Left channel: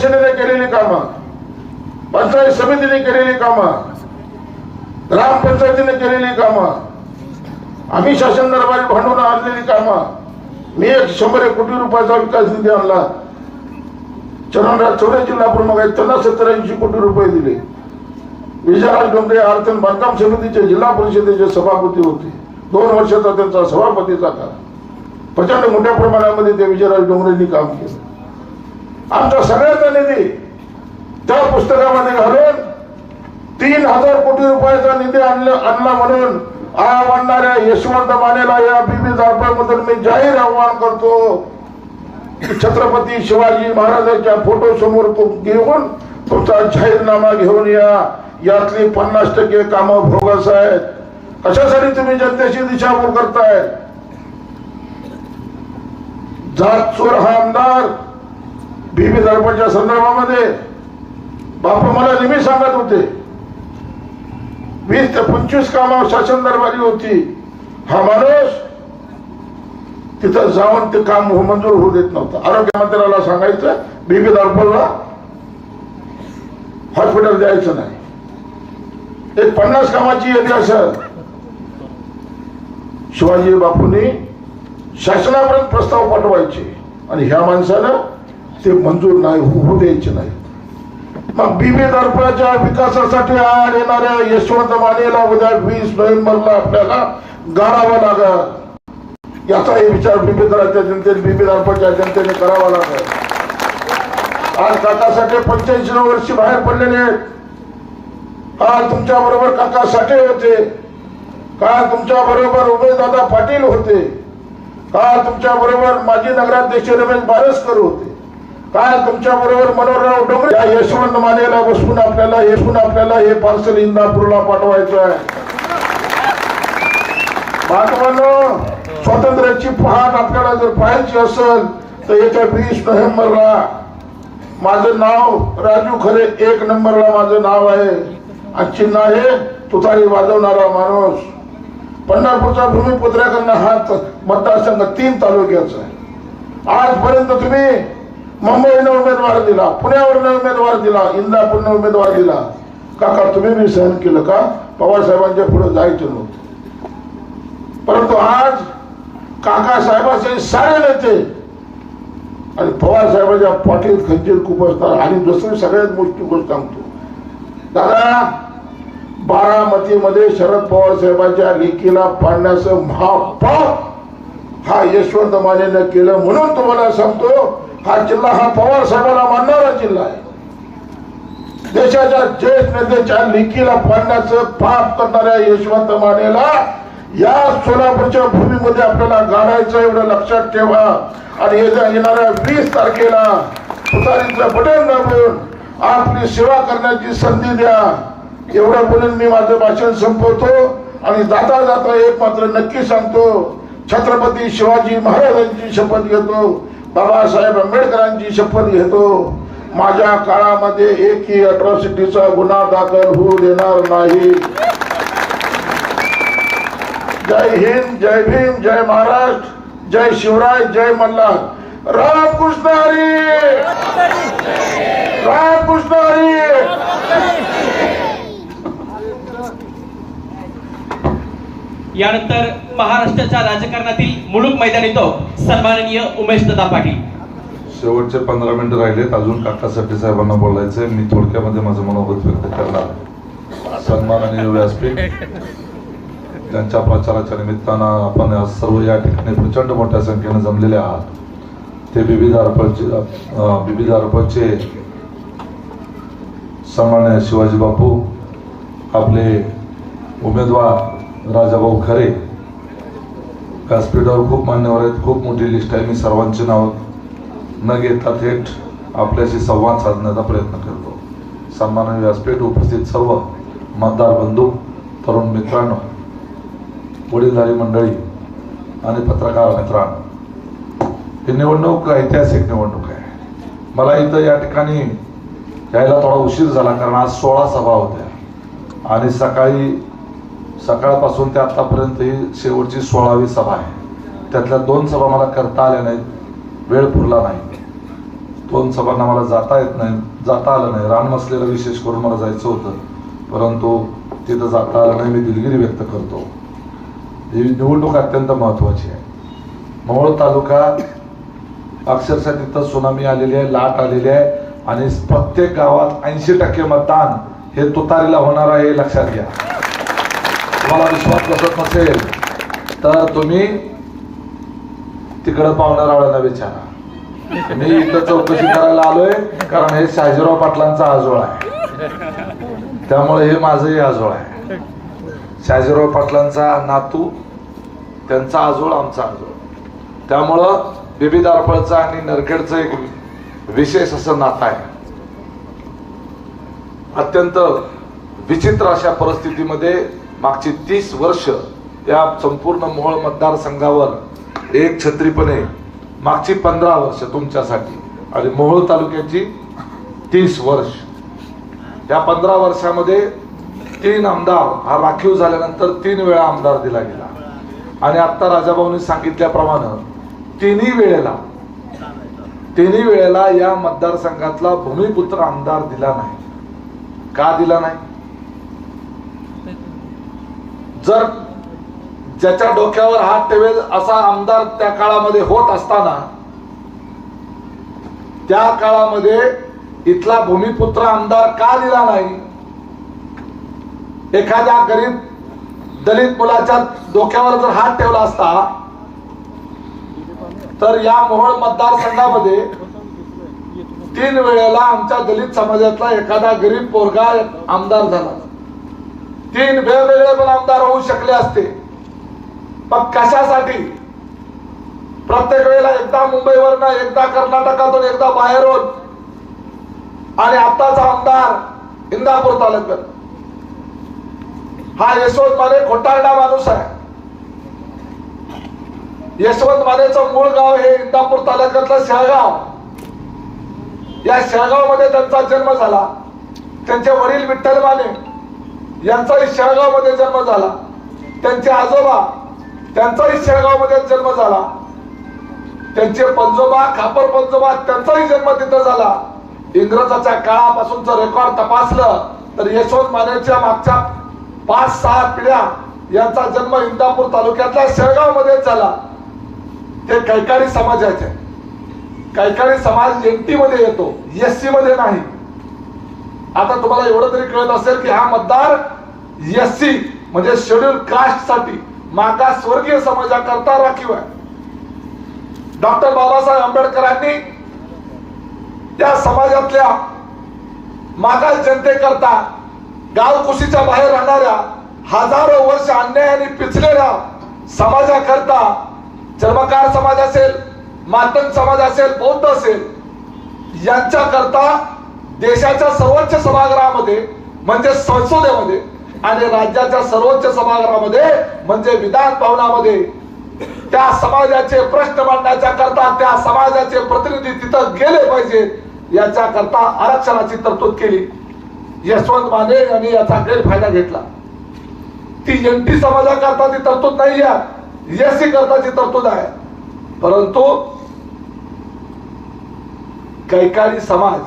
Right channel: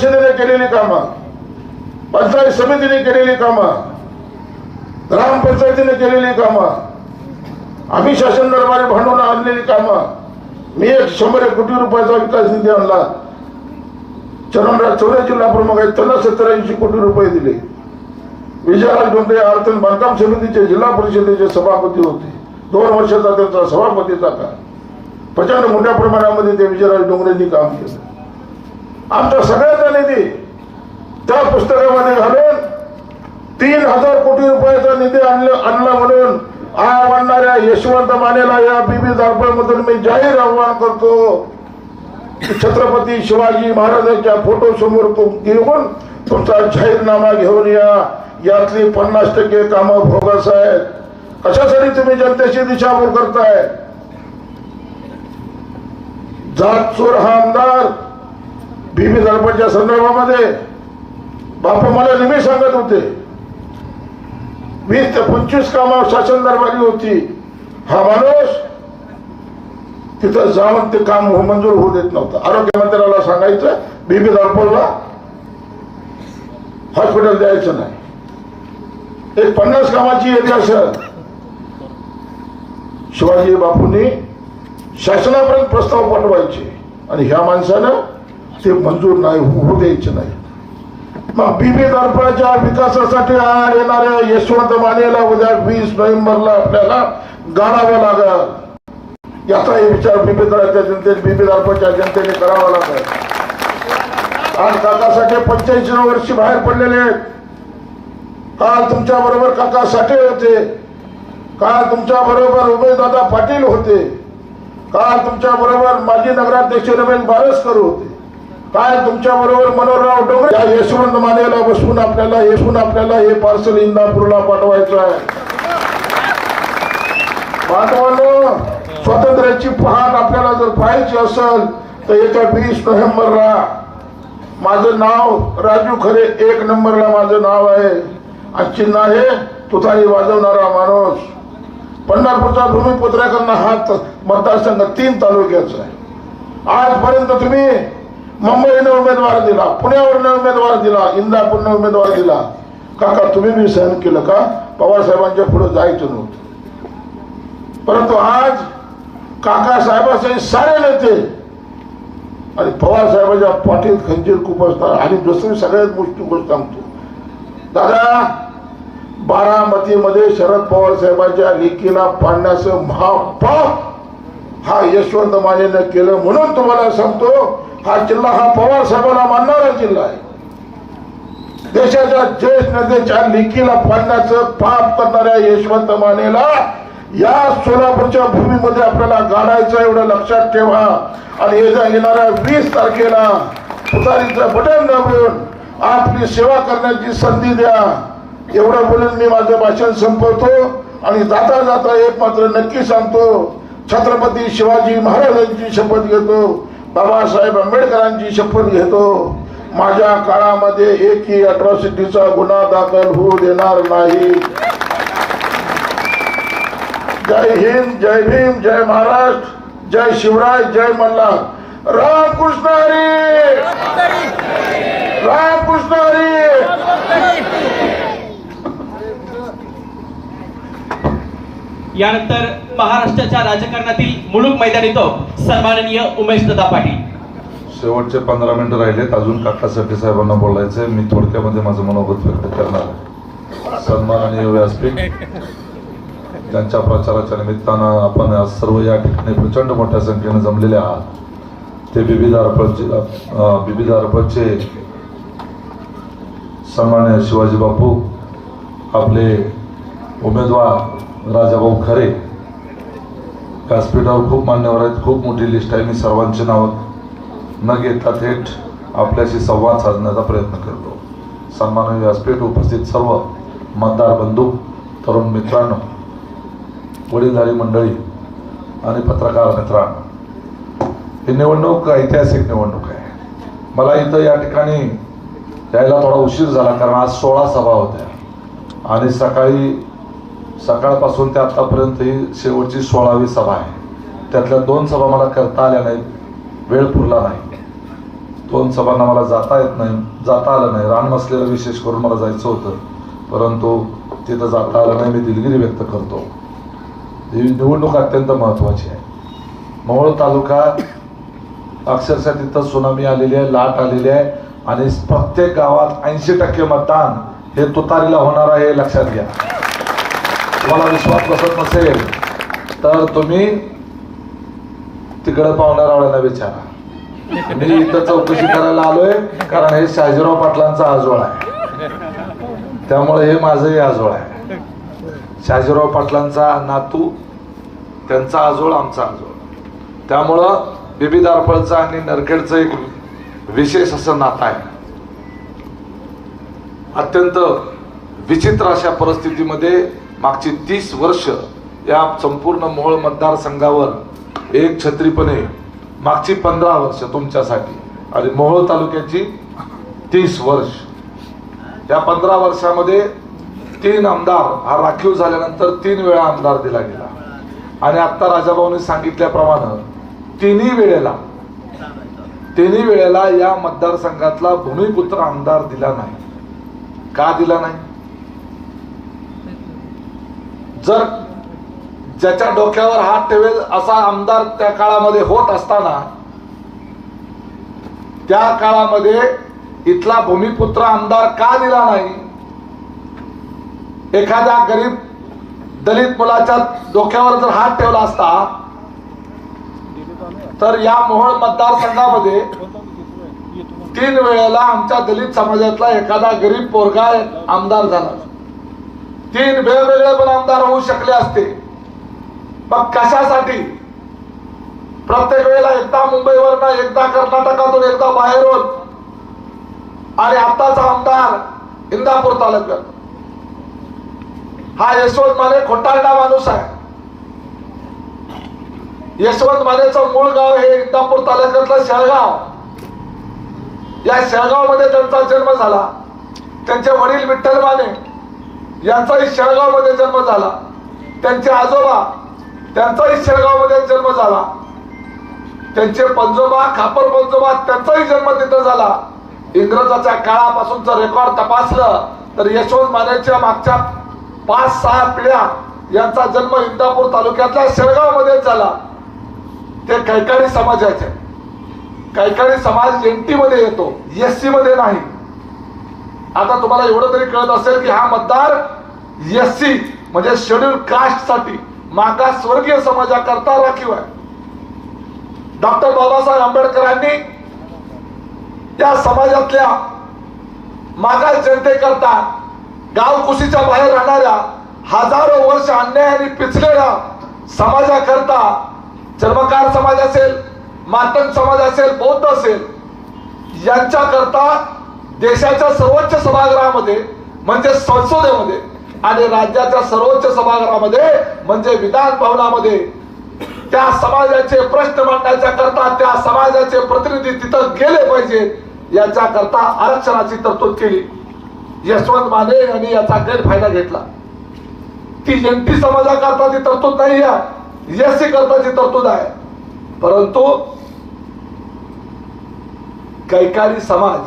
परिषदेने केलेली कामं पंचायत समितीने केलेली कामं ग्रामपंचायतीने केलेली कामं आम्ही शासन दरबारी भांडवून आणलेली कामं मी एक शंभर एक कोटी रुपयाचा विकास निधी आणला. चरणराज चौरे जिल्हा प्रमुख आहेत त्यांना सत्तर ऐंशी कोटी रुपये दिले. विजयराज डोंगरे अडचण बांधकाम समितीचे जिल्हा परिषदेचे सभापती होते. दोन वर्षाचा त्यांचा सभापतीचा काळ. प्रचंड मोठ्या प्रमाणामध्ये ते विजयराज डोंगरेंनी काम केलं. आमचा सगळ्यांचा निधी त्या पुस्तकामध्ये घालून तीन हजार कोटी रुपयाचा निधी आणला आणला म्हणून आणणाऱ्या यशवंत मानेला या बीबी मधून मी जाहीर आव्हान करतो. छत्रपती शिवाजी महाराजांच्या फोटो समोर तो घेऊन तुमचा जाहीरनामा घेऊन या. यातली पन्नास टक्के कामं भोगस आहेत. कशासाठी तुम्ही जनतेची दिशाभूल करताय? जात चोर हा आमदार बीबी दर्पणच्या संदर्भामध्ये बाप मला नेहमी सांगत होते वीस ते पंचवीस कामावर शासन दरबारी होती. हा माणूस तिथं जाऊन ते काम हो मंजूर होऊ देत नव्हतं. आरोग्य मंत्र्याला सांगायचं बीबी दर्पणला हॉस्पिटल द्यायचं नाही. एक पन्नास कामाची यादी असं शिवाजी बापूंनी शासनापर्यंत प्रस्ताव पाठवायचे. आणि ह्या माणसानं ते मंजूर नाही होऊ द्यायचे नाही. मग बीबी दर्पणाच्या विकासासाठी आड येणाऱ्या यशवंत मानेला उद्या वीस नोव्हेंबरला आपल्याला गाडावं लागल. याचाही विचार बीबी दराच्या जनतेने बीबी दर्पणच्या जनतेने करावा लागेल. आज काकासाठी पंच्याऐंशी वर्षी बाहेर पडलेले आहेत. आज तुमच्या बरोबर काका साठे होते. काल तुमच्या बरोबर उमेशदादा पाटील होते. काल तुमच्या बरोबर माजी नगराध्यक्ष रमेश बारसकर होते. काय तुमच्या बरोबर मनोहरराव डोंगरे या यशवंत मानेला बसवून आपल्याला येसून आपल्याला हे पार्सल इंदापूरला पाठवायचं आहे. बांधवांनो स्वातंत्र्याची पहाट आपल्याला जर पाहायची असेल तर येत्या वीस नोव्हेंबरला माझं नाव राजू खरे एक नंबरला माझं नाव आहे. आणि चिन्ह आहे तुतारी वाजवणारा माणूस. पंढरपूरचा भूमिपुत्र्याकडनं हा मतदारसंघ तीन तालुक्याचा आहे. आजपर्यंत तुम्ही मुंबईनं उमेदवार दिला पुण्यावरनं उमेदवार दिला इंदापूरनं उमेदवार दिला. काका तुम्ही मी सहन केलं का? पवार साहेबांच्या पुढे जायचं नव्हतं. परंतु आज काका साहेबांचे सारे नेते आणि पवार साहेबांच्या पाठीत खंजीर खूप असतात आणि दुसरी सगळ्यात मोठी गोष्ट सांगतो. दादा बारामतीमध्ये शरद पवार साहेबांच्या लेखीला पाडण्याचं महापाप हा यशवंत मानेनं केलं म्हणून तुम्हाला सांगतो हा जिल्हा हा पवार साहेबांना मानणारा जिल्हा आहे. देशाच्या ज्येष्ठ नेत्याच्या लिखीला पाडण्याचं पाप करणाऱ्या यशवंत मानेला या सोलापूरच्या भूमीमध्ये आपल्याला गाडायचं एवढं लक्षात ठेवा. आणि येत्या येणाऱ्या वीस तारखेला तुतारीचं बटन दाबून आपली सेवा करण्याची संधी द्या. एवढं बोलून मी माझं भाषण संपवतो आणि जाता जाता एक मात्र नक्की सांगतो. छत्रपती शिवाजी महाराजांची शपथ घेतो. बाबासाहेब आंबेडकरांची शपथ घेतो. माझ्या काळामध्ये एकही अट्रॉसिटीचा गुन्हा दाखल होऊ देणार नाही. जय हिंद जय भीम जय महाराष्ट्र जय शिवराय जय मल्हार. रामकृष्ण हरी! रामकृष्ण हरी! यानंतर महाराष्ट्राच्या राजकारणातील मुलूक मैदानी तो सन्माननीय उमेश दादा पाटील. शेवटचे पंधरा मिनिटं राहिलेत. अजून काकासाठी साहेबांना बोलायचंय. मी थोडक्यामध्ये माझं मनोगत व्यक्त करणार सन्माननीय व्यासपीठ त्यांच्या प्रचाराच्या निमित्तानं आपण आज सर्व या ठिकाणी प्रचंड मोठ्या संख्येने जमलेले आहात. ते विविध अर्पणचे बीबी विविध अर्पणचे सन्मान्य शिवाजी बापू आपले उमेदवार राजाभाऊ खरे व्यासपीठावर खूप मान्यवर आहेत खूप मोठी लिस्ट आहे. मी सर्वांची नावं न घेता थेट आपल्याशी संवाद साधण्याचा प्रयत्न करतो. सन्माननीय व्यासपीठ उपस्थित सर्व मतदार बंधू तरुण मित्रांनो वडीलधारी मंडळी आणि पत्रकार मित्रांनो ही निवडणूक ऐतिहासिक निवडणूक आहे. मला इथं या ठिकाणी यायला थोडा उशीर झाला कारण आज सोळा सभा होत्या आणि सकाळी सकाळपासून ते आतापर्यंत ही शेवटची सोळावी सभा आहे. त्यातल्या दोन सभा मला करता आल्या नाहीत. वेळ पुरला नाही. दोन सभांना मला जाता येत नाही. जाता आलं नाही. रान रानमसलेला विशेष करून मला जायचं होतं. परंतु तिथं जाता आलं नाही. मी दिलगिरी व्यक्त करतो. ही निवडणूक अत्यंत महत्त्वाची आहे. मोहोळ तालुका अक्षरशः तिथं सुनामी आलेली आहे लाट आलेली आहे आणि प्रत्येक गावात ऐंशी टक्के मतदान हे तुतारीला होणार आहे हे लक्षात घ्या. तुम्हाला विश्वास बसत नसेल तर तुम्ही तिकडं पाहुणारावळ्यांना विचारा. मी इथं चौकशी करायला आलोय कारण हे शाजीराव पाटलांचा आजोळ आहे. त्यामुळे हे माझंही आजोळ आहे. शाजीराव पाटलांचा नातू त्यांचा आजोळ आमचा आजोळ. त्यामुळं बीबी दारफळचं आणि नरखेडचं एक विशेष असं नातं आहे. अत्यंत विचित्र अशा परिस्थितीमध्ये मागची तीस वर्ष या संपूर्ण मोहोळ मतदारसंघावर एक छत्रीपणे मागची पंधरा वर्ष तुमच्यासाठी. आणि मोहोळ तालुक्याची तीस वर्ष. या पंधरा वर्षामध्ये तीन आमदार हा राखीव झाल्यानंतर तीन वेळा आमदार दिला गेला. आणि आत्ता राजाभाऊनी सांगितल्याप्रमाणे तिन्ही वेळेला तिन्ही वेळेला या मतदारसंघातला भूमिपुत्र आमदार दिला नाही. का दिला नाही? जर ज्याच्या डोक्यावर हात ठेवेल असा आमदार त्या काळामध्ये होत असताना त्या काळामध्ये इथला भूमिपुत्र आमदार का दिला नाही? एखाद्या गरीब दलित मुलाच्या डोक्यावर जर हात ठेवला असता तर या मोहोळ मतदारसंघामध्ये तीन वेळेला आमच्या दलित समाजातला एखादा गरीब पोरगा आमदार झाला. तीन वेगवेगळे पण आमदार होऊ शकले असते. मग कशासाठी? प्रत्येक वेळेला एकदा मुंबईवरनं एकदा कर्नाटकातून एकदा बाहेरून. आणि आताचा आमदार इंदापूर तालुक्यात. हा यशवंत माने खोटारडा माणूस आहे. यशवंत मानेचं मूळ गाव हे इंदापूर तालुक्यातलं शेळगाव. या शेळगावमध्ये त्यांचा जन्म झाला. त्यांचे वडील विठ्ठल माने यांचाही शेळगावमध्ये जन्म झाला. त्यांचे आजोबा त्यांचाही शेळगावमध्ये जन्म झाला. त्यांचे पंजोबा खापर पंजोबा त्यांचाही जन्म तिथं झाला. इंग्रजाच्या काळापासूनचं रेकॉर्ड तपासलं तर यशवंत मानेच्या मागच्या पाच सहा पिढ्या यांचा जन्म इंदापूर तालुक्यातल्या शेळगावमध्ये झाला. ते कैकाडी समाजाचे. कैकाडी समाज एनटी मध्ये येतो एससी मध्ये नाही. आता तुम्हाला एवढं तरी कळत असेल की हा मतदार एससी म्हणजे शेड्यूल कास्टसाठी मागास स्वर्गीय समाजाकरता राखीव आहे. डॉक्टर बाबासाहेब आंबेडकरांनी त्या समाजातल्या मागास जनतेकरता गावकुशीच्या बाहेर राहणाऱ्या हजारो वर्ष अन्यायाने पिचलेल्या समाजाकरता चर्मकार समाज असेल मातन समाज असेल बौद्ध असेल यांच्याकरता देशाच्या सर्वोच्च सभागृहामध्ये म्हणजे संसदेमध्ये आणि राज्याच्या सर्वोच्च सभागृहामध्ये म्हणजे विधान भवनामध्ये त्या समाजाचे प्रश्न मांडण्याच्या करता त्या समाजाचे प्रतिनिधी तिथं गेले पाहिजे याच्या करता आरक्षणाची तरतूद केली. यशवंत माने यांनी याचा गैरफायदा घेतला. ती एनटी समाजाकरता ती तरतूद नाही आहे एससी करताची तरतूद आहे. परंतु कैकाली समाज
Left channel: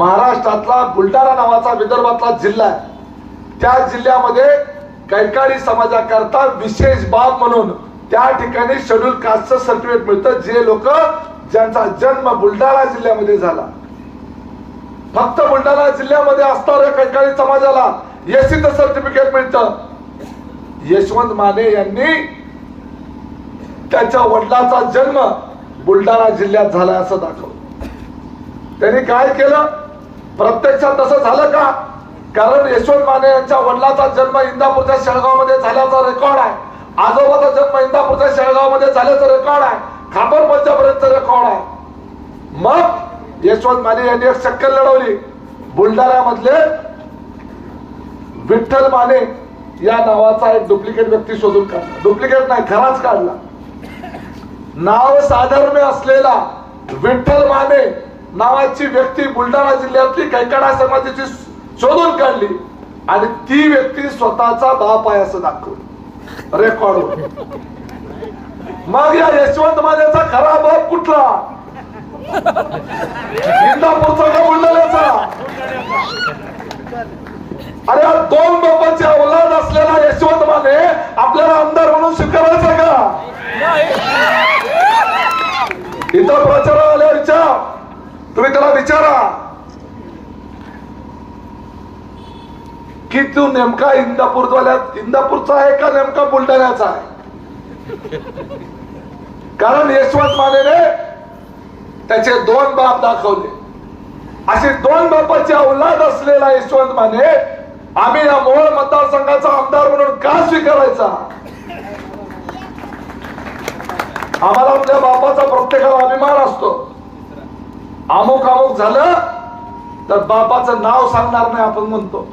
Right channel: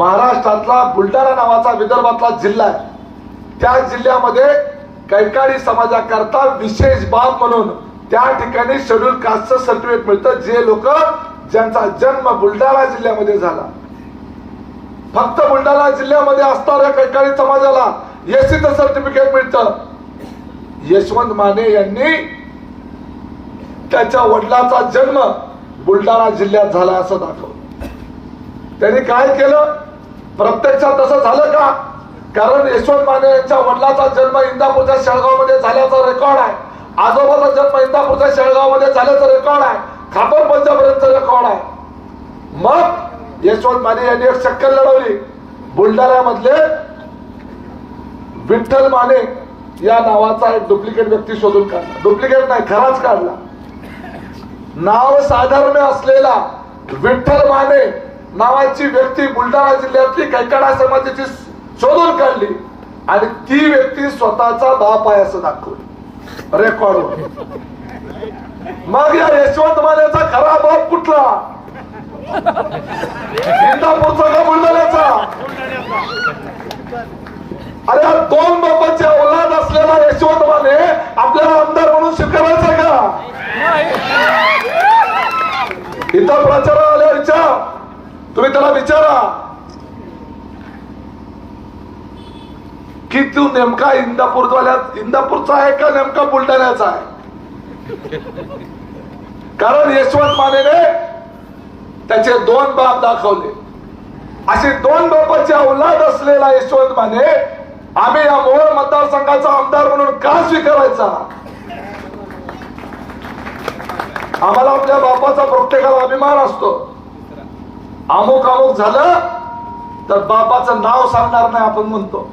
महाराष्ट्रातला बुलढाणा नावाचा विदर्भातला जिल्हा आहे. त्या जिल्ह्यामध्ये कैकाडी समाजाकरता विशेष बाब म्हणून त्या ठिकाणी शेड्यूल कास्टचं सर्टिफिकेट मिळतं जे लोक ज्यांचा जन्म बुलढाणा जिल्ह्यामध्ये झाला. फक्त बुलढाणा जिल्ह्यामध्ये असणाऱ्या कैकाडी समाजाला एसीच सर्टिफिकेट मिळतं. यशवंत माने यांनी त्याच्या वडिलाचा जन्म बुलढाणा जिल्ह्यात झाला असं दाखवलं. त्यांनी काय केलं? प्रत्यक्षात तसं झालं का? कारण यशवंत माने यांच्या वडिलाचा जन्म इंदापूरच्या शेळगावमध्ये झाल्याचा रेकॉर्ड आहे. आजोबाचा जन्म इंदापूरच्या शेळगावमध्ये झाल्याचं रेकॉर्ड आहे. खापर पंचापर्यंत रेकॉर्ड आहे. मग यशवंत माने यांनी एक शक्कल लढवली. बुलढाण्यामधले विठ्ठल माने या नावाचा एक डुप्लिकेट व्यक्ती शोधून काढला. डुप्लिकेट नाही खराच काढला. नाव साधर्म्य असलेला विठ्ठल माने नावाची व्यक्ती बुलढाणा जिल्ह्यातली कैकाडा समाजाची शोधून काढली. आणि ती व्यक्ती स्वतःचा बाप आहे असं दाखवलं. रेकॉर्ड मग या यशवंत मानेचा खरा बाप कुठला? इंदापूरचा का बुलढाण्याचा? अरे हा दोन बाबांच्या औलाद असलेला यशवंत माने आपल्याला आमदार म्हणून स्वीकारायचा का? इथं प्रचार विचार. तुम्ही त्याला विचारा. की तू नेमका इंदापूरवाल्या इंदापूरचा आहे का नेमका बुलढाण्याचा आहे? कारण यशवंत मानेने त्याचे दोन बाप दाखवले. असे दोन बापाचे औलाद असलेला यशवंत माने आम्ही या मोहोळ मतदारसंघाचा आमदार म्हणून का स्वीकारायचा? आम्हाला आमच्या बापाचा प्रत्येकाला अभिमान असतो. अमुक अमुक झालं तर बापाचं नाव सांगणार नाही आपण म्हणतो.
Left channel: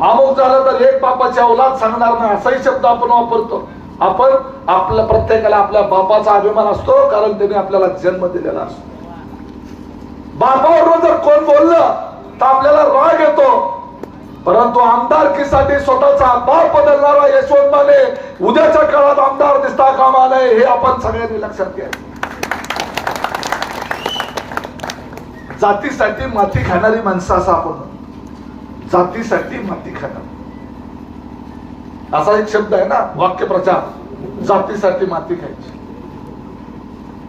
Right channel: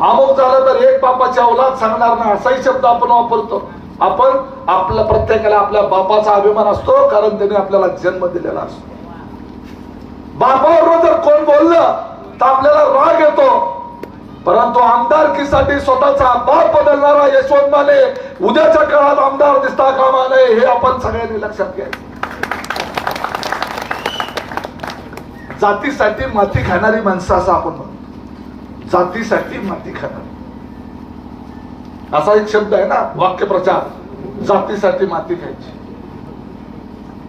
अमुक झालं तर एक बापाची औलाद सांगणार नाही असाही शब्द आपण वापरतो. आपण आपल्या प्रत्येकाला आपल्या बापाचा अभिमान असतो कारण त्याने आपल्याला जन्म दिलेला असतो. बापावर जर कोण बोललं तर आपल्याला राग येतो. परंतु आमदारकीसाठी स्वतःचा बाप बदलणारा यशवंत माने उद्याच्या काळात आमदार दिसता कामा नये हे आपण सगळ्यांनी लक्षात घ्या. जातीसाठी माती खाणारी माणसं असं आपण जातीसाठी माती खाणारी. असा एक शब्द आहे ना वाक्यप्रचार. जातीसाठी माती खायची.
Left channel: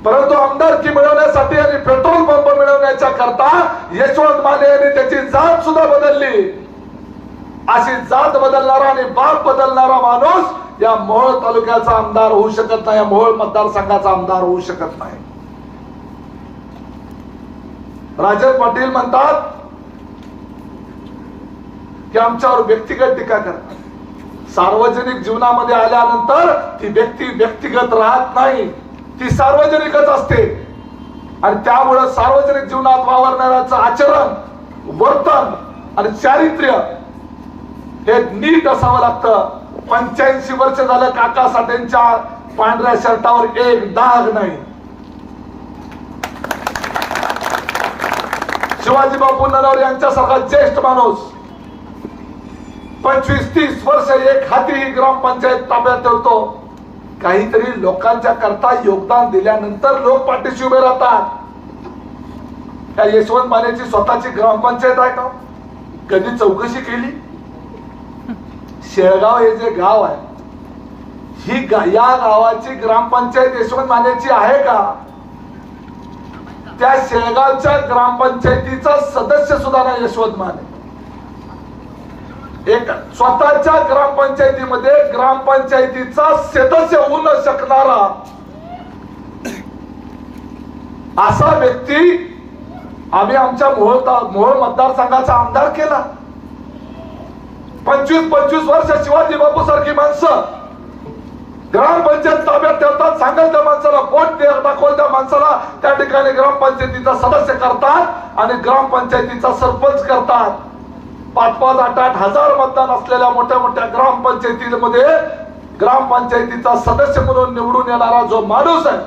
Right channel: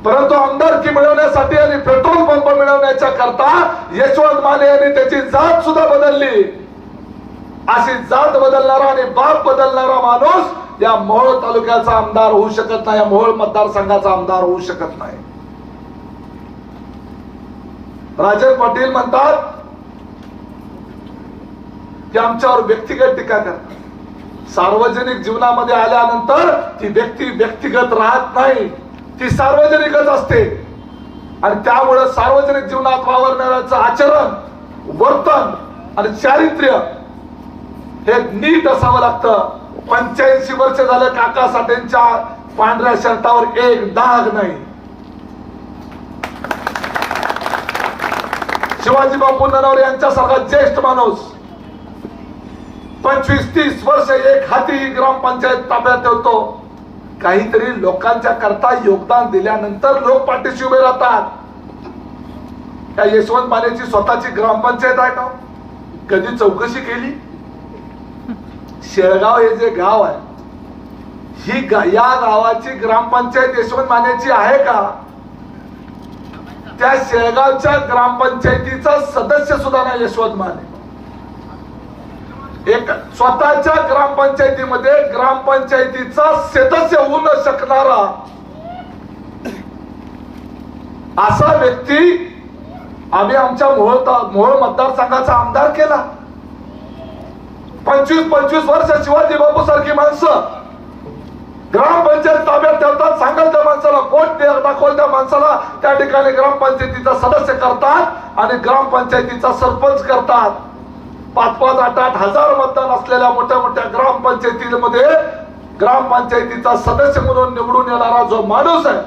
परंतु आमदारकी मिळवण्यासाठी आणि पेट्रोल पंप मिळवण्याच्या करता यशवंत माने यांनी त्याची जात सुद्धा बदलली. अशी जात बदलणारा आणि बाप बदलणारा माणूस या मोहोळ तालुक्याचा आमदार होऊ शकत नाही या मोहोळ मतदारसंघाचा आमदार होऊ शकत नाही. राजे पाटील म्हणतात की आमच्यावर व्यक्तिगत टीका करतात सार्वजनिक जीवनामध्ये आल्यानंतर ती व्यक्ती व्यक्तिगत राहत नाही ती सार्वजनिकच असते. आणि त्यामुळे सार्वजनिक जीवनात वावरणाऱ्याचं आचरण वर्तन आणि चारित्र्य हे नीट असावं लागतं. पंच्याऐंशी वर्ष झालं काका साठेंच्या पांढऱ्या शर्टावर एक डाग नाही. शिवाजी बापू नरवरे यांच्यासारखा ज्येष्ठ माणूस. पंचवीस तीस वर्ष एक हाती ग्रामपंचायत ताब्यात ठेवतो. काहीतरी लोकांच्या करता योगदान दिल्यानंतर लोक पाठीशी उभे राहतात. त्या यशवंत मानेची स्वतःची ग्रामपंचायत आहे का? कधी चौकशी केली? शेळगाव हे जे गाव आहे ही गा- या गावाची ग्रामपंचायत यशवंत मानेची आहे का? त्या शेळगावच्या ग्रामपंचायतीचा सदस्य सुद्धा ना यशवंत माने. एक स्वतःच्या ग्रामपंचायतीमध्ये ग्रामपंचायतीचा सदस्य होऊ न शकणारा असा व्यक्ती आम्ही आमच्या मोहोळ ता- मोहोळ मतदारसंघाचा आमदार केला. पंचवीस पंचवीस वर्ष शिवाजी बापू सारखी माणसं. ग्रामपंचायत ताब्यात ठेवतात सांगाल त्या माणसाला कोण दाखवल त्या माणसाला. त्या ठिकाणी ग्रामपंचायतीचा सदस्य करतात आणि ग्रामपंचायतीचा सरपंच करतात. पाच पाच आठ आठ हजार मतदान असलेल्या मोठ्या मोठ्या ग्रामपंचायतीमध्ये ग्रामपंचायतीचा सदस्य म्हणून निवडून येणारा जो माणूस आहे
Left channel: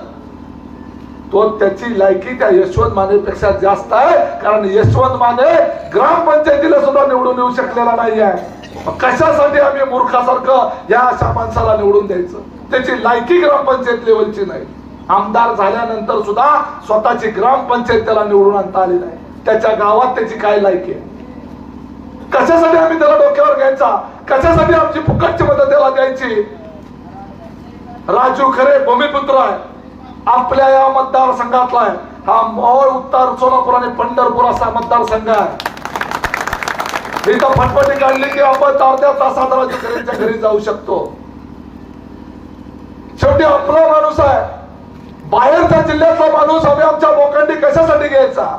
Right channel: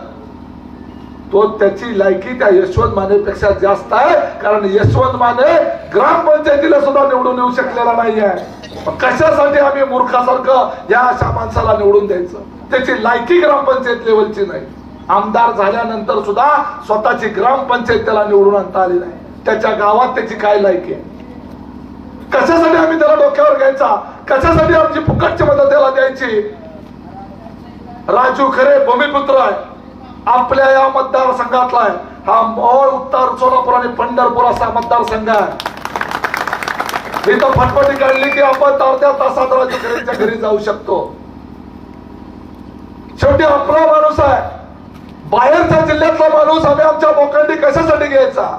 तो त्याची लायकी त्या यशवंत मानेपेक्षा जास्त आहे. कारण यशवंत माने ग्रामपंचायतीला सुद्धा निवडून येऊ शकलेला नाही आहे कशासाठी आम्ही मूर्खासारखं या अशा माणसाला निवडून द्यायचं? त्याची लायकी ग्रामपंचायत लेवलची नाही. आमदार झाल्यानंतर सुद्धा स्वतःची ग्रामपंचायत त्याला निवडून आणता आली नाही. त्याच्या गावात त्याची काय लायकी आहे? कशासाठी आम्ही त्याला डोक्यावर घ्यायचा? कशासाठी आमची फुकटची मदत त्याला द्यायची? राजू खरे भूमिपुत्र आहे. आपल्या या मतदारसंघातला आहे. हा मोहोळ उत्तर सोलापूर आणि पंढरपूर असा मतदारसंघ आहे. मी तर फटफटी काढली की आपण अर्ध्या तासात राजू घरी जाऊ शकतो. शेवटी आपला माणूस आहे. बाहेरच्या जिल्ह्यातला माणूस आम्ही आमच्या बोकंडी कशासाठी घ्यायचा?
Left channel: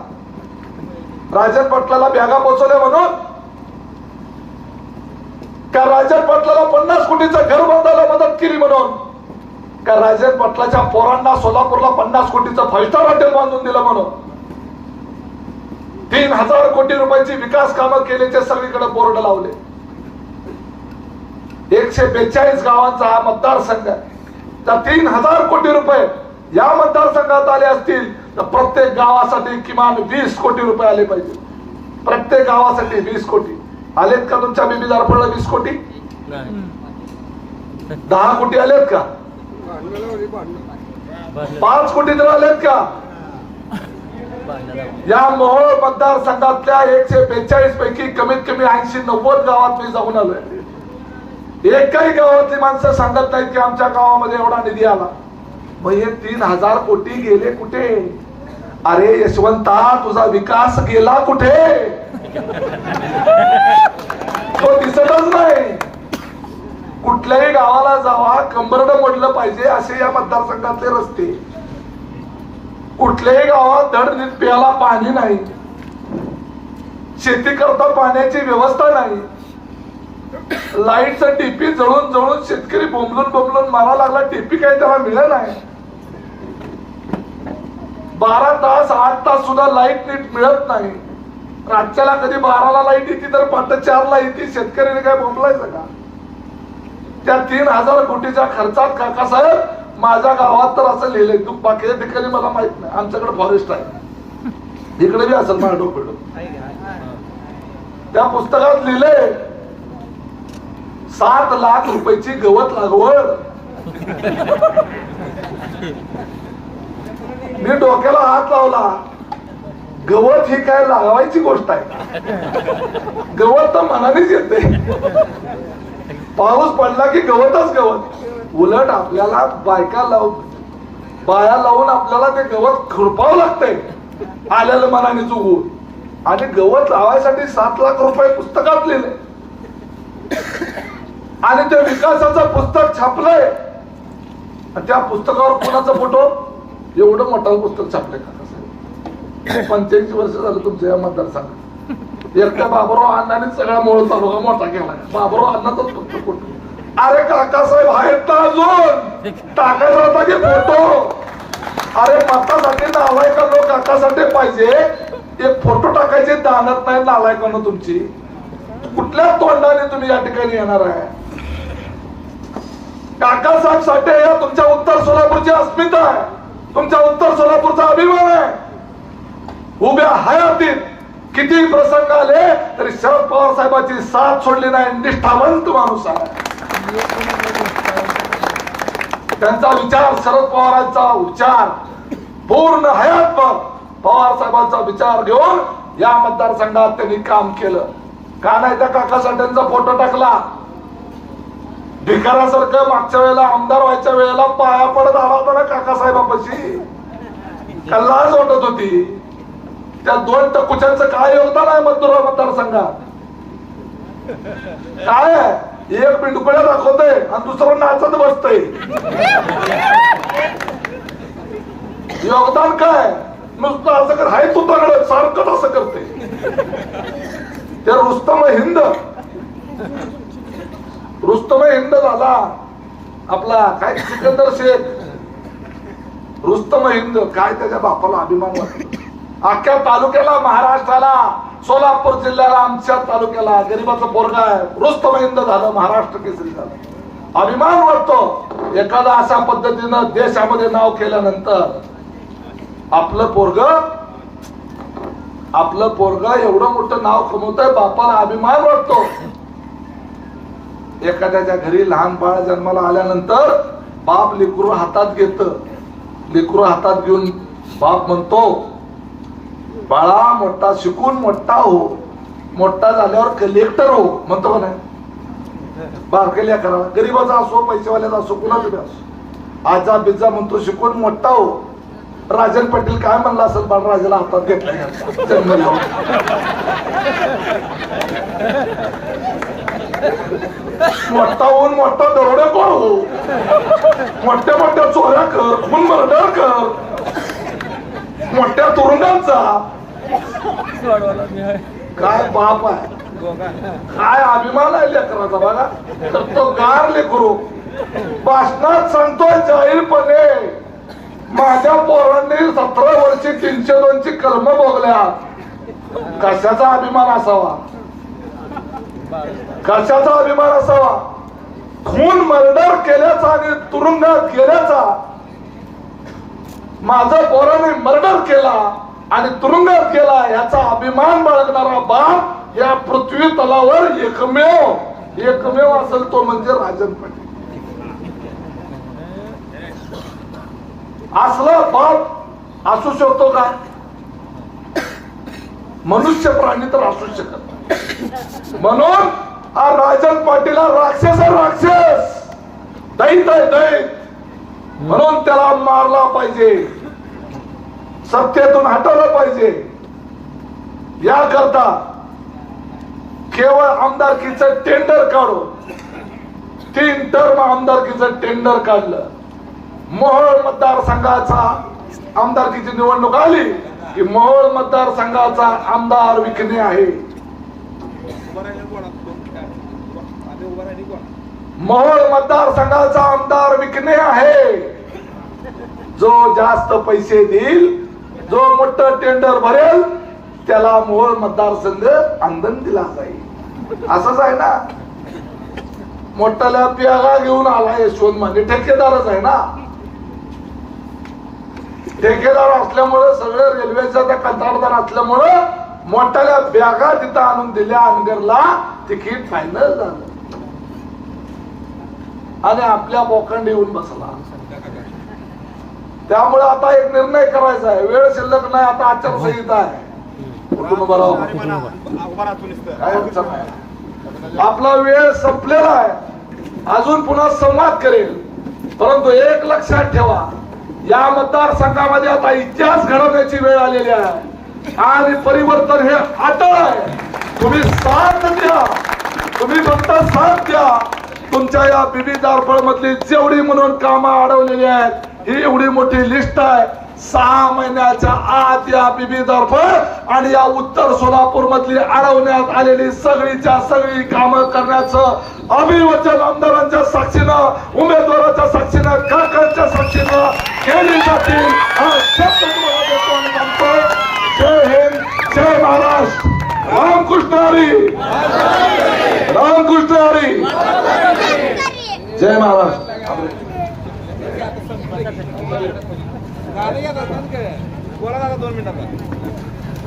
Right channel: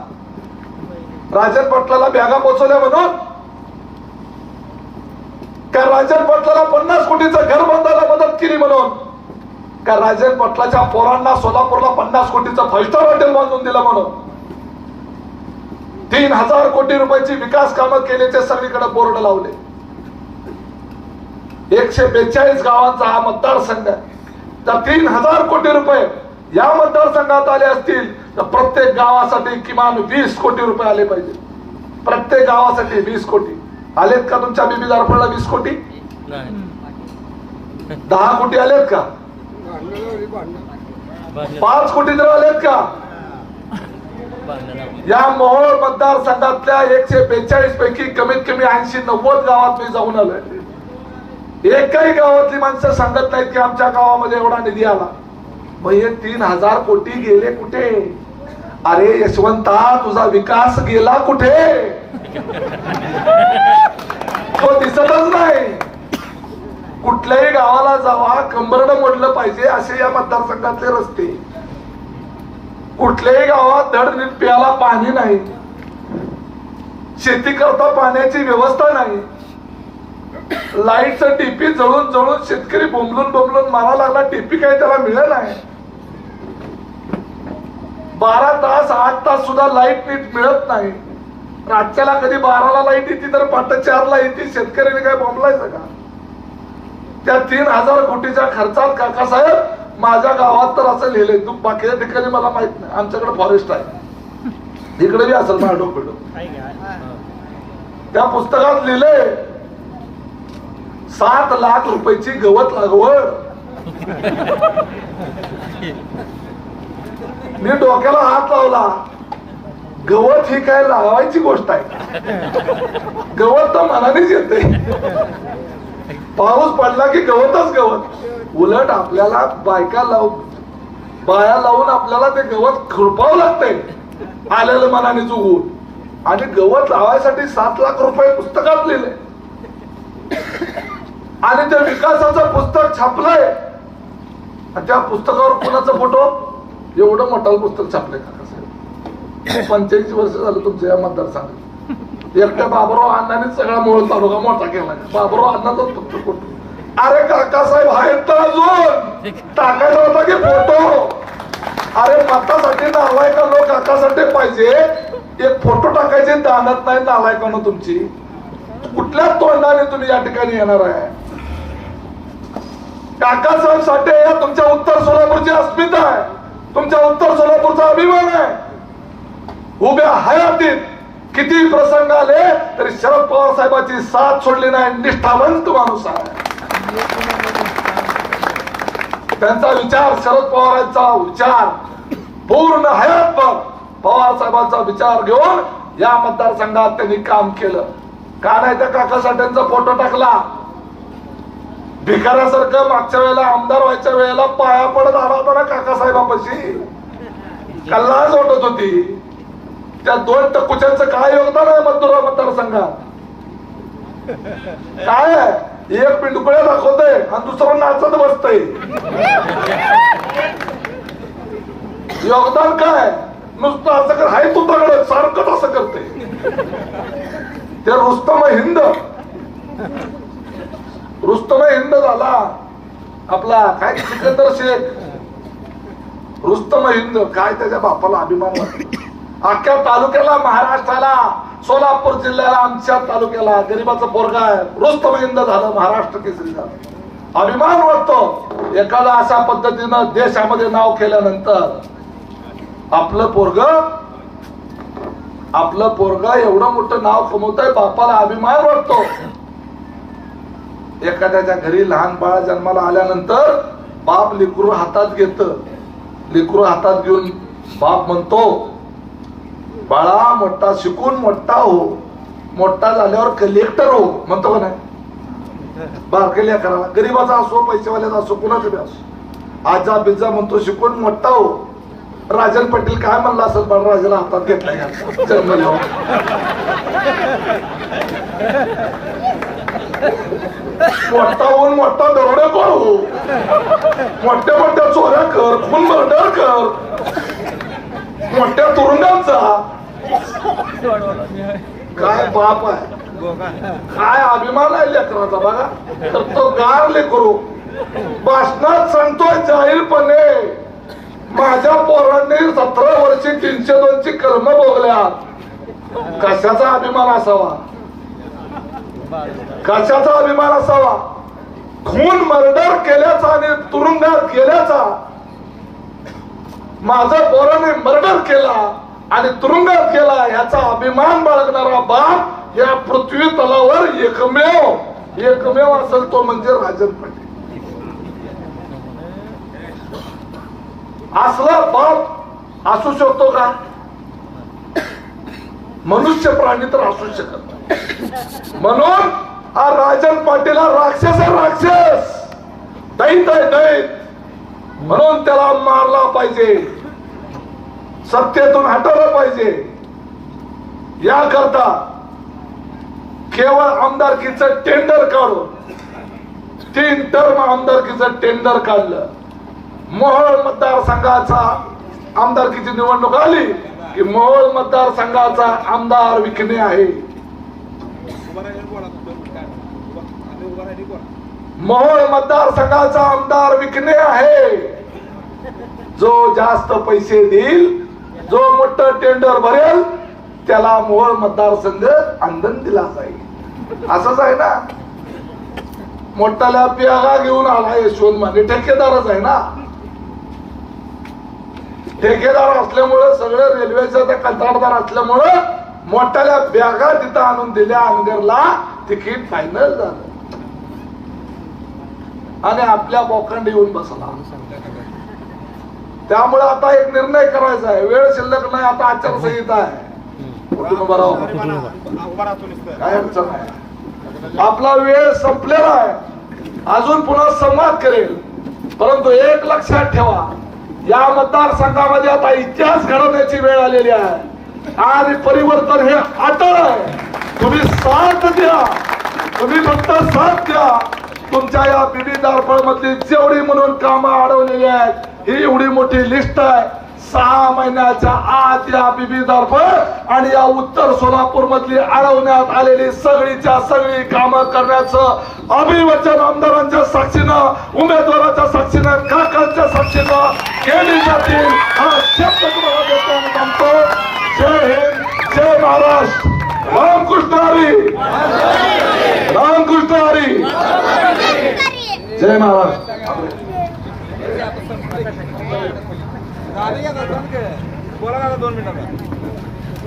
राजन पाटलाला बॅगा पोचवल्या म्हणून? का राजन पाटलाला पन्नास कोटीचं घर बांधायला मदत केली म्हणून. का राजन पाटलाच्या पोरांना सोलापूरला पन्नास कोटीचं फाईव्ह हॉटेल बांधून दिलं म्हणून. तीन हजार कोटी रुपयाची विकास कामं केल्याचे सगळीकडे बोर्ड लावले. एकशे बेचाळीस गावांचा हा मतदारसंघ आहे. तर तीन हजार कोटी रुपये या मतदारसंघात आले असतील तर प्रत्येक गावासाठी किमान वीस कोटी रुपये आले पाहिजे. प्रत्येक गावासाठी वीस कोटी. आलेत का तुमच्या बिबी दर्पणला वीस कोटी? दहा कोटी आलेत का? पाच कोटी तर आलेत का? या मोहोळ मतदारसंघातल्या एकशे बेचाळीस पैकी कमीत कमी ऐंशी नव्वद गावात मी जाऊन आलोय. एकही गावातली माणसं सांगत नाहीत की आमच्या गावामध्ये एवढा निधी आला. मग हे तीन हजार कोटी गेले कुठे? अरे यशवंता तुझा विकास गेला कुठे? तो दिसतच नाही. कुठल्याही गावाला जावा कंबरड मोडलं पाहिजे असे या मतदारसंघातले रस्ते. कुठल्याही गावात धड प्याला प्यायला पाणी नाही. शेती करता पाण्याची व्यवस्था नाही. लाईटचं टीपी जळून जळून शेतकरी बोंबलून बोंबलून मारा लागला टीपी काही त्याला मिळत नाही. बारा तास आठ तास सुद्धा लाइट नीट मिळत नाही. रात्याला कधी बाराला लाइट येते तर पाठ चारला येते. शेतकऱ्याने काय बोंबलायचं का? त्या तीन हजार कोटीच्या खर्चात काका साहेब माझ्या गावात तर असं लिहिलंय तू बाकीच्या ठिकाणी मला माहीत नाही. आमच्याकडे फॉरेस्ट आहे. इकडे बी असेल माडो त्या पुस्तकात लिहिलंय सात लाख रुपयाची गवत लागवड. मी डोक्याला हात लावला गवत ही काय लावायची गोष्ट आहे? गवत तर मनानेच येते. पाऊस पडला की गवतच गवत. उलट आपल्याला बायका लावून बाया लावून आपल्याला ते गवत खुरपावं लागतंय. आलेलं मनाने चुकून. आणि गवत लावायसाठी सात लाख रुपये पुस्तकात लिहिले. आणि ते विकासाचं पुस्तक छापलंय. आणि त्या पुस्तकावर कोणाचा फोटो? एवढं मोठं पुस्तक छापलंय. पंचेचाळीस वर्ष झालं तुमच्या या मतदारसंघात. एकट्या बाबराव अण्णाने सगळा मोळ तालुका मोठा केला बाबराव अण्णाचाच फक्त फोटो अरे काका साहेब आहेत ना अजून? टाकायचा होता की फोटो. अरे मतासाठी लोक काकासाठी पाहिजे. एक फोटो टाकायचे दानत नाही नावायकानं तुमची. कुठल्या तोंडाने तुम्ही या ठिकाणी येणार आहे? काकासाहेब साठे या तुमच्या उत्तर सोलापूरची अस्मिता आहे. तुमच्या उत्तर सोलापूरचा अभिमान आहे. उभ्या हयातीत किती प्रसंग आले तरी शरद पवार साहेबांची साथ सोडली नाही निष्ठावंत माणूस आहे. त्यांचा विचार शरद पवारांचा विचार पूर्ण हयातभर पवार साहेबांचा विचार घेऊन या मतदारसंघात त्यांनी काम केलं. का नाही त्या काकासाठ्यांचा फोटो टाकला. भिकाऱ्यासारखं मागच्या वेळेला आमदार व्हायच्या वेळेला पाया पडत आला होता ना काकासाहेबापाशी लाज वाटत होती. त्या दोन टकुच्यांचं काय योगदान आहे मतदार मतदारसंघात? काय? आहे? एक पिंडकुळ्या दाखवतय आणि दुसरं नाचत बसतय. योगदान काय? नुसतं असं कर हाय तू तगड सारखंच असं करते. ते रुस्तम हिंद. रुस्तम हिंद झाला. आपला काय सिकंदर शेख. रुस्तम हिंद काय त्याच्या बापाला अभिमान अख्ख्या तालुक्याला महाराष्ट्राला सोलापूर जिल्ह्याला आमच्या तालुक्याला गरीबाचं पोरगा आहे. रुस्तम झालं महाराष्ट्र केसरी झालं. अभिमान वाटतो एखादा अशा पद्धतीनं देशामध्ये नाव केल्यानंतर आपलं पोरग आपलं पोरग एवढं मोठं नाव कमवत आहे बापाला अभिमान वाटतो. एखाद्याच्या घरी लहान बाळ जन्माला आल्यानंतर बाप लेकरू हातात घेत. लेकरू हातात घेऊन बाप म्हणतो बाळा मोठा शिकून मोठा हो. मोठा झाल्यावर कलेक्टर हो. म्हणतो का नाही? बारकेल्या करा. गरीबाचा असो पैसेवाल्याचा असो कुणाचा बी असो. आजा बिजा म्हणतो शिकून मोठा हो. राजन पाटील काय म्हणला असेल बाळराजाला हातात घेतला मोठा होऊन मोठा दरोडेखोर हो? मोठ्या मोठ्या चोऱ्या कर खून मर्डर कर. मोठ्या तुरुंगांचा? काय बाप आहे? काय अभिमान आहे लेकराचा बघा. तर तो गार लेकरू. भाषणात सांगतोय जाहीरपणे माझ्या पोरांनी सतरा वर्षी तीनशे दोनची कलम भोगल्या. कशाचा अभिमान असावा? कशाचा अभिमान असावा? खून मर्डर केल्याचा आणि तुरुंगात गेल्याचा माझा पोराने मर्डर केला आणि तुरुंगात गेला याचा अभिमान बाळगणारा बाप या पृथ्वी तलावर एकमेव एकमेव असेल तो म्हणजे राजन. पाटील असला बाप असू शकतो का? मनुष्य प्राणी तर असू शकत म्हणून हा राजन पाटील हा राक्षस हा राक्षस. दैत आहे दैत. म्हणून त्याला मारला पाहिजे. सत्तेतून हटवलं पाहिजे. याकरता केवळ आमदारकीचं टेंडर काढून तीन टर्म आमदारकीचं टेंडर काढलं. मोहोळ मतदारसंघाचा आमदारकीची निवडणूक आली की मोहोळ मतदारसंघाचा आमदार विकणे आहे. मोहोळ मतदारसंघाचा आमदार विकणे आहे. जो जास्त पैसे देईल जो मोठं टेंडर भरेल त्याला मोहळ मतदारसंघ आंदन दिला जाईल. असंच आहे ना? मोठाल्या प्यागा घेऊन आला यशवंत माने. ठेकेदारच आहे ना? ठेकेदार असल्यामुळे सगळे रेल्वेचा त्या कंत्राटदार असल्यामुळे मोठ्याल्या बॅगा तिथं आणून दिल्या. अंगरला तिकीट फायनल झालं. आणि आपल्या बोकांडी येऊन बसला. त्यामुळे आता एक निर्णय करायचा आहे. वेळ शिल्लक नाही आता आचारसंहिता आहे. कुटुंब बरोबर. काय अडचण नाही. आपला वेळ संपलेला आहे. अजून पुन्हा संवाद करेल. परंतु एक लक्षात ठेवा. या मतदारसंघामध्ये आता इतिहास घडवण्याची वेळ आलेली आहे. आणि परिवर्तन हे अटळ आहे. तुम्ही साथ द्या. तुम्ही फक्त साथ द्या. तुमच्या या बिबी दारफळ मधली जेवढी म्हणून कामं अडवलेली आहेत ही एवढी मोठी लिस्ट आहे. सहा महिन्याच्या आत या बीबी दारफळ आणि या उत्तर सोलापूर मधली अडवण्यात आलेली सगळीच्या सगळी कामं करण्याचं अभिवचन आमदारांच्या साक्षीनं उमेदवाराच्या साक्षीनं काकांच्या साक्षीनं केली जातील हा शब्द तुम्हाला देतो आणि सांगतो जय हिंद जय महाराष्ट्र. रामकृष्ण हरी. रामकृष्ण हरी. जय महाराष्ट्र. दोन मिनिटाचा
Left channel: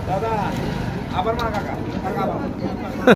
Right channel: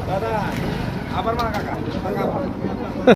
दादा आभार माना काका